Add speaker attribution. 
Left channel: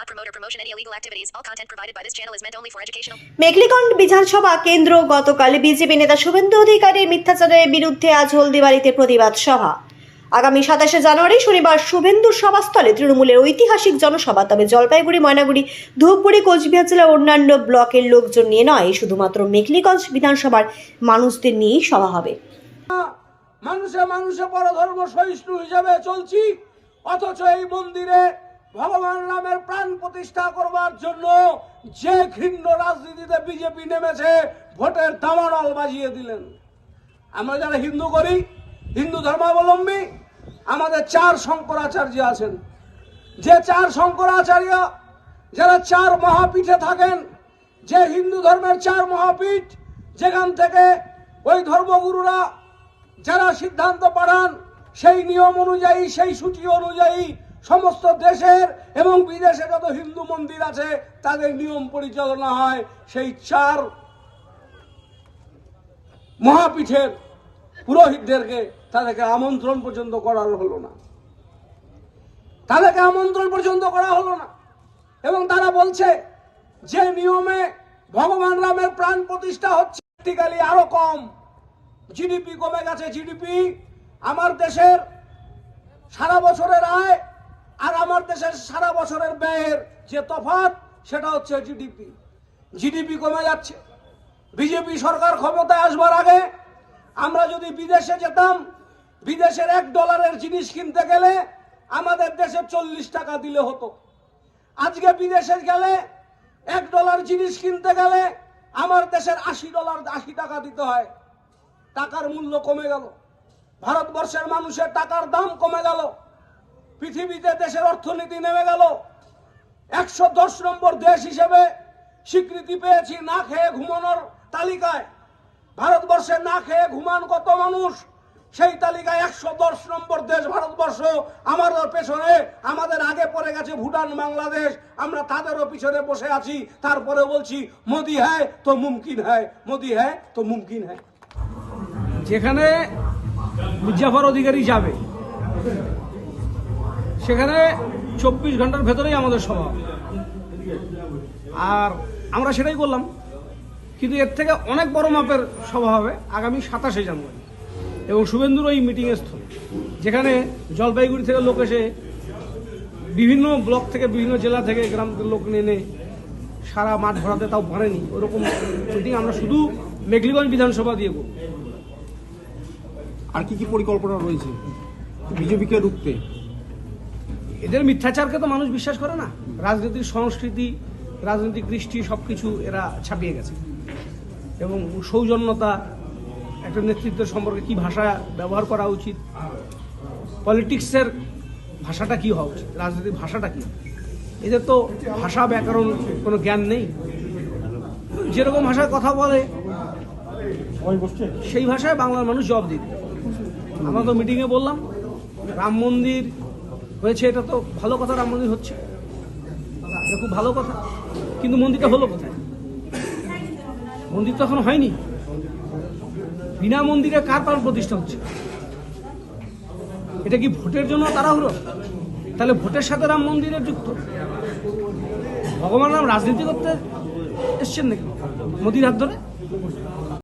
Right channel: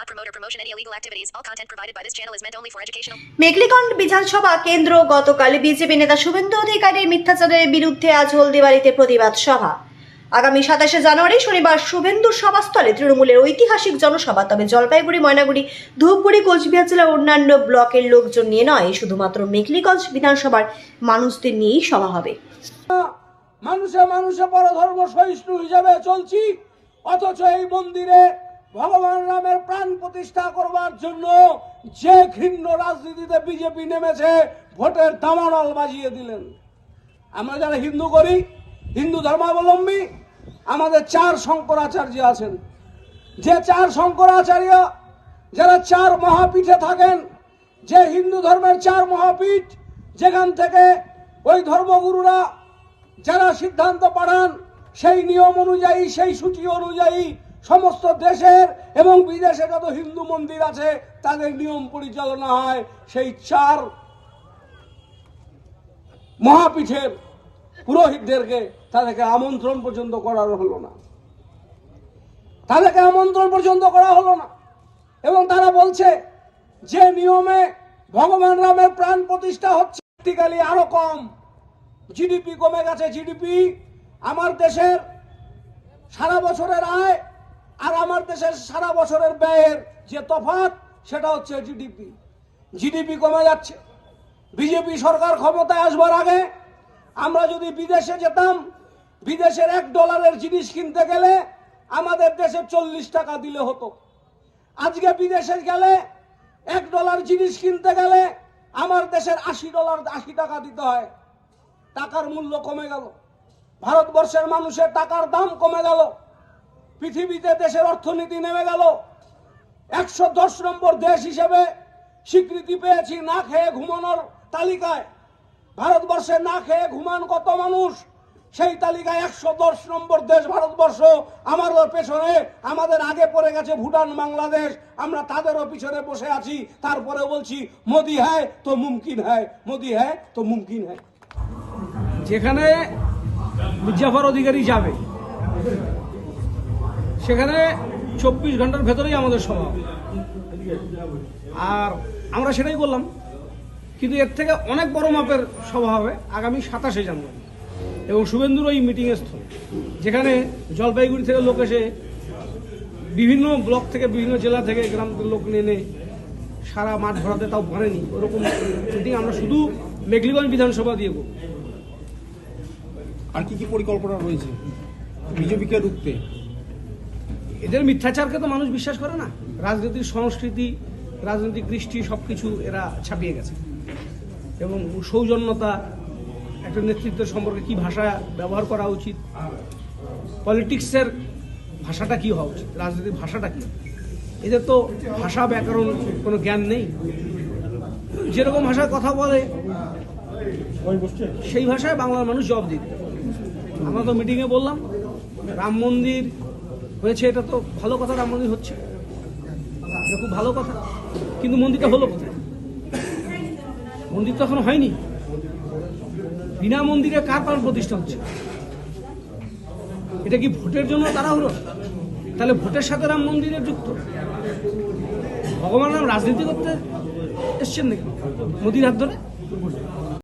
Speaker 1: not promote or promotion any illegal activities. All content provided by this channel is meant only for educational.
Speaker 2: Mekhliganj বিধানসভা কেন্দ্র গতকাল BJP নেতা শুভেন্দু অধিকারীর মিথ্যাচারের বিরুদ্ধে আজ হলদিবাড়িতে প্রতিবাদ সভা আগামী সাতাশে জানুয়ারি শনিবার শুভেন্দুর সভাস্থলে তৃণমূলের ঐতিহাসিক জনসভা তবে জলপাইগুড়ি ময়নাগুড়ি ধূপগুড়ি কোচবিহার জেলার অন্যান্য ব্লকের লোকজন নিয়ে নয় শুধুমাত্র মেঘলিগঞ্জ বিধানসভার মানুষদের নিয়েই সভা হবে
Speaker 3: মানুষে মানুষে পরধর্ম সহিষ্ণু হিসাবে চলছি অথচ এই মন্দিরে ভগবান রামের প্রাণ প্রতিষ্ঠা করবার জন্য যে ঘৃণ্য রাজনীতিতে বিজেপি নেমেছে, ভোটের দামানল বাজিয়ে দিলেন। আমরা যারা হিন্দু করি, হিন্দু ধর্মাবলম্বী, আমাদের চার শঙ্করাচার্য আছেন। যে চার শঙ্করাচার্য, যারা চার মহাপীঠে থাকেন, যে হিন্দু ধর্মের চার মহাপীঠ, যেখান থেকে ওই ধর্মগুরুরা যারা সিদ্ধান্ত পাঠান, সেই নিয়ম অনুযায়ী, সেই সূচি অনুযায়ী সমস্ত দেশের এবং বিদেশে যত হিন্দু মন্দির আছে, তাদের নিয়ম পরিচালনা হয় সেই চার মহাপীঠের পুরোহিতদেরকে তাদেরকে আমন্ত্রণ পর্যন্ত করা হলো না। তাদেরকে আমন্ত্রণ পর্যন্ত করা হলো না। এবং তারা বলছে, যে নিয়মে ভগবান রামের প্রাণ প্রতিষ্ঠা হচ্ছে আরও কম। জিডিপি কমে গেছে, জিডিপি। আমার দেশের সারা বছরের আয় আর আমার দেশের সারা বছরের ব্যয়ের যে তফাৎ, সেটা হচ্ছে জিডিপি জিডিপি কমে যাচ্ছে। বিজেপি সরকার ক্ষমতায় আসবার আগে আমরা যদি বিদেশে যেতাম, বিদেশের এক ডলারের জিনিস কিনতে গেলে আমাদের দেশে চল্লিশ টাকা দিলে হতো। আজকে বিদেশে গেলে এক ডলার জিনিস কিনতে গেলে আমার দেশের আশি ডলার, আশি টাকা দিতে হয়। টাকার মূল্য কমে গেল। ভারতবর্ষের মানুষের টাকার দাম কমে গেল। পৃথিবীতে দেশের অর্থনীতি নেমে গেল। একশো দশ নম্বর দেশ হিসেবে স্বীকৃতি পেয়েছি না খেয়ে ঘুমানোর তালিকায়। ভারতবর্ষে না খেয়ে ঘুমান কত মানুষ? সেই তালিকায় একশো দশ নম্বর দেশ ভারতবর্ষ। আমাদের পেছনে, আমাদের আগে পড়ে গেছে ভুটান, বাংলাদেশ। আমরা তাদেরও পিছনে বসে আছি। তারপরে বলছি, মোদি হ্যায় তো মুমকিন হ্যায়, মোদি হ্যায় তো মুমকিন হ্যায়। যেখানে মির্জাফর অধিকারী যাবে। সেখানে চব্বিশ ঘণ্টার ভেতরেই আমাদের সভা। আর আমরা সেটাই করলাম। কিন্তু এর থেকে অনেক বড় মাপের সভা হবে আগামী সাতাশে জানুয়ারি। এবং শুভেন্দুর ওই মিটিংয়ের স্থল, যেখানে জলপাইগুড়ি থেকে লোক এসে বিভিন্ন ব্লক থেকে, বিভিন্ন জেলা থেকে গ্রাম লোক নেনে সারা মাঠ ভরাতে তাও পারেনি। ওরকম মিটিং আমরা শুধু মেঘলিগঞ্জ বিধানসভা দিয়ে করব।
Speaker 4: আর কি কি পরিকল্পনা রয়েছে? বিজেপিকে রুখতে?
Speaker 3: এদের মিথ্যাচারকে তো মানুষ বিশ্বাস করে না। রাজনীতির সংস্কৃতি, রাজনৈতিক কৃষ্টি সব কিছু এরা ছাপিয়ে গেছে। এবং সৌজন্যতা, একটা নেতৃত্ব সম্পর্কে কি ভাষা ব্যবহার করা উচিত, পলিটিক্সের ভাষাটা কি হওয়া উচিত রাজনীতির ভাষাটা কি? এদের তো ভাষা ব্যাকরণ কোনো জ্ঞান নেই। যেরকম ভাষায় কথা বলে, সেই ভাষায় বাংলার মানুষ জবাব দিবে। আমরা তো মিটিংয়ে বললাম, রাম মন্দির হয়েছে, এটা তো ভালো কথা, রাম মন্দির হচ্ছে। এটা খুব ভালো কথা, কিন্তু মন্দিরটা হলো কোথায়? মন্দির তো এখন হয়নি। বিনা মন্দিরে কার প্রাণ প্রতিষ্ঠা হচ্ছে? এটা কি ভোটের জন্য তাড়াহুড়ো? তাহলে ভোটের সাথে রাম মন্দিরের যুক্ত? ভগবান রাম রাজনীতি করতে এসছেন নাকি? মোদির হাত ধরে?